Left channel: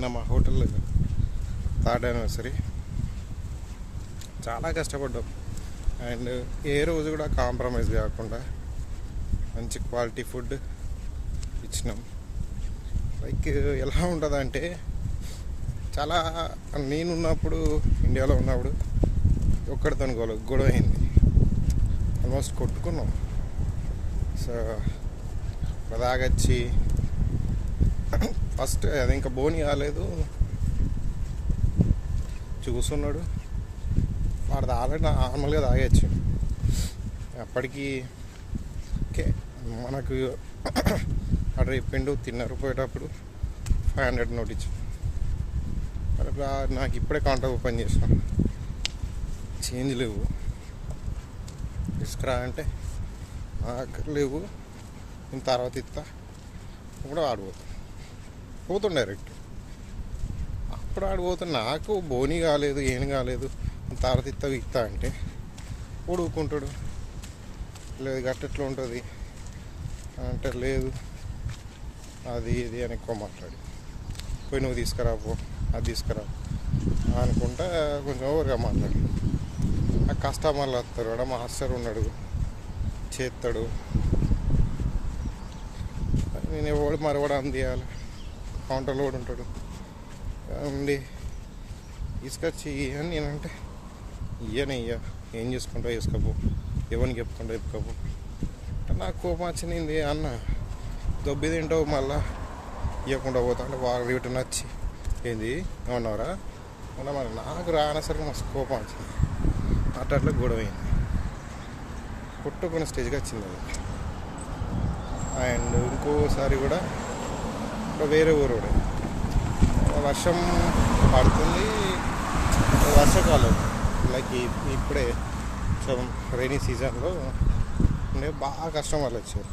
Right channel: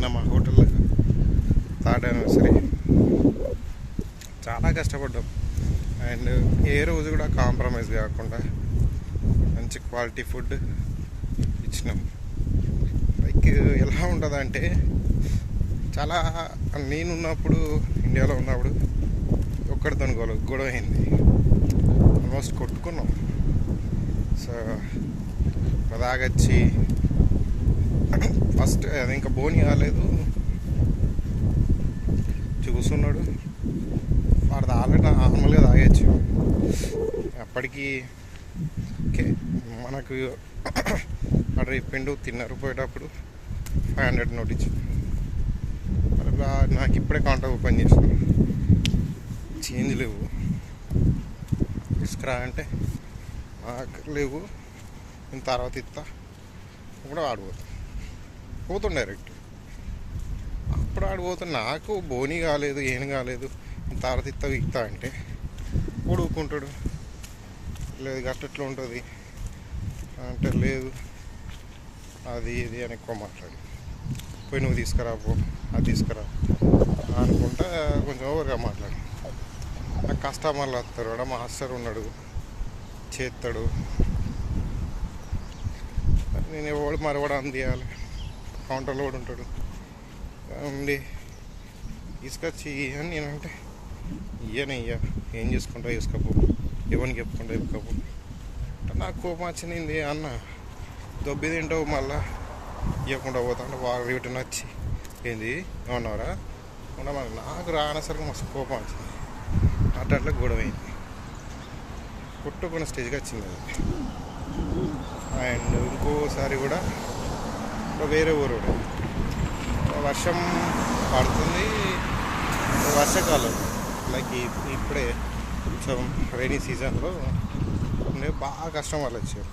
నిన్న మా హోటల్లో థర్డ్ యానివర్సరీ చాలా కష్టపడ్డాం. అండ్ ఏ రోజు కూడా కాంప్రమైజ్ కాకుండా మంచి క్వాలిటీ ఫుడ్ ఇచ్చినాం. లైక్ ఎలా ఉంటుందంటే, చాలా నేనున్నప్పుడు ఇండియాలో ఉన్నప్పుడు ఒక్కడితో గొడవ అయింది, ఆల్మోస్ట్ కొట్టుకున్నాం. సో దాగచ్చి ఫస్ట్ అది ఇంకా బోని కాలేదు, చూస్తున్నాడు. వాడు ఆల్రెడీ నార్మల్గా తాగచ్చు. అప్పటికి ఓకే మనకు అక్కడ చెప్పిండు తిన్నారు. పోయేటప్పుడు 500 నోట్ ఇచ్చింది. నాకు ఇప్పుడే కౌంటర్ ఓపెన్ చేసినాను, చేంజ్ లేవు, తీసుకురా అంటే నాకు లేవు, నేను తర్వాత ఇస్తా. ఇప్పుడు పోతుండే డైరెక్ట్. అప్పుడు ఆడిపోతున్నా, నాకు బోని కాలేదు, ఏం కాలేదు, తర్వాత ఇస్తా అంటే ఊడుకుంటాడు. లేదు గట్టెట్లా ఉంటుంది అంటే, లేదు అది ఇది అని ఎక్కువ మాట్లాడి పోయి నువ్వు తీసుకురా, పో అది తీసుకురా అనుకుంటా కొంచెం ఓవర్గా మాట్లాడి. నాకు కస్టమర్లు వస్తారు, వాడు మాస్టర్ ఉన్నాడు, చేస్తాడు. నేను ఎవడు మరవడం అందియాలి, కౌంటర్లో కూడా ఉంటాడు ఉండి తీసుకొచ్చి అని నేనంటే ఇయ్యనయ్యా, ఏం చేసుకుంటా వేసుకోపో, ఎవరికి చెప్పుకుంటా చెప్పుకోపో. నాకు కోపం వచ్చింది. అన్న దొబ్బి తింటావు, మళ్ళా ఇవ్వకుండా పోతా అంటే వాళ్ళు వీటి నచ్చి ఏంది ఏమన్నారా ఉండమని నాకు రానసరికి మస్తు కోపం వచ్చింది. అట్లా గొడవ అయింది, కొట్టుకున్న స్టేజ్కి వచ్చింది. అండ్ ఇంకోసారి కూడా వేరే ఊరు వర్షం పడుతుంది, వర్షాకాలం లైక్ ఇప్పుడే కొంచెం రైనీ సీజన్లో బాగా కస్టమర్లు వచ్చారు.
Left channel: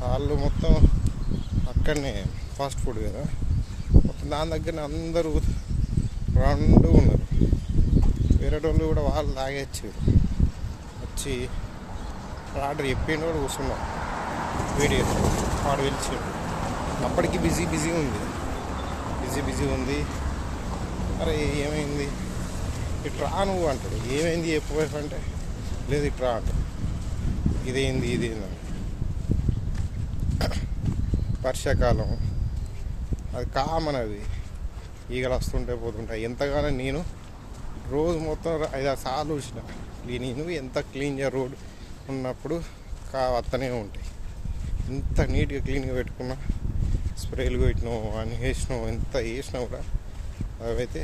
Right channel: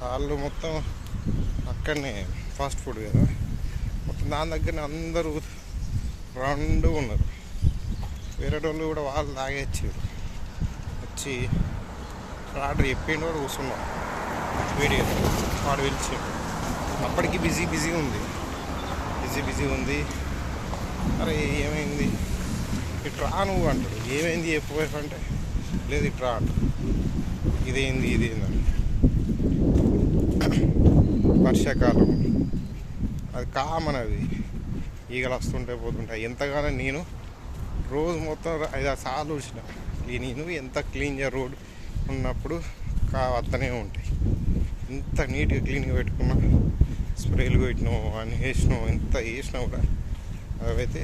వాళ్ళు మొత్తం అక్కడనే ఫాస్ట్ ఫుడ్ కదా, మొత్తం దాని దగ్గరనే అందరూ రౌండ్ ఉన్నారు. వేరే వాళ్ళు కూడా వాళ్ళు తాగేచ్చారు. వచ్చి ఆర్డర్ చెప్పిండు, కూడా కూర్చున్నాం వేడిగా. వాడు పిలిచి అప్పటికి బిజీ ఉంది. అరే ఏమైంది, ఇట్రా నువ్వు అంటాడు. ఏమైంది చెప్పు అంటే, లేదు ఇట్రా అంటాడు. ఇదేంది అని. వర్షాకాలం అది కామన్, అది ఈగలు వస్తుంటాయి పోతుంటాయి. ఎంతగానో నేను రోజు మొత్తం 5-6 సార్లు చూసిన. నేను ఎంత క్లీన్గా రోడ్ ఉన్నప్పుడు వస్తూనే ఉంటాయి. ఎంత నీట్గా క్లీన్గా పెట్టుకున్నా, స్ప్రేలు పెట్టినావు అని వేసినావు, ఎంత వేసినా కూడా అవైతే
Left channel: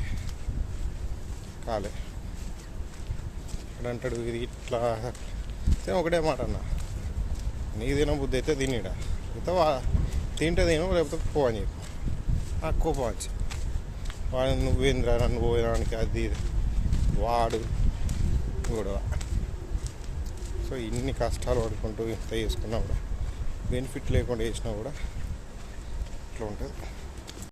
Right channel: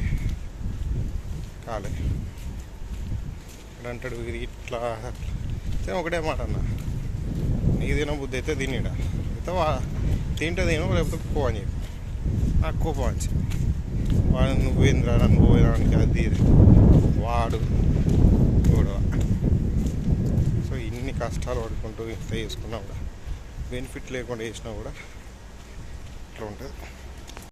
కాలే. అంటాడు ఇది ఇట్లా. ఒకటే మాట అన్న, నీకు తిన బుద్ధి అయితే తినేడా, అయితే తింటే తినో లేకపోతే పో అని చెప్పి. నాకు కోపం వచ్చింది. వాడు నువ్వేంద్రా నన్ను పోయడానికి అది వాడు గొడవ. సో ఇన్ని కష్టాలు పడుకుంటూ ఇంత చేసుకున్నా కూడా, బెనిఫిట్ లేకుండా చేసినా కూడా ఇట్లా ఉంటుంది.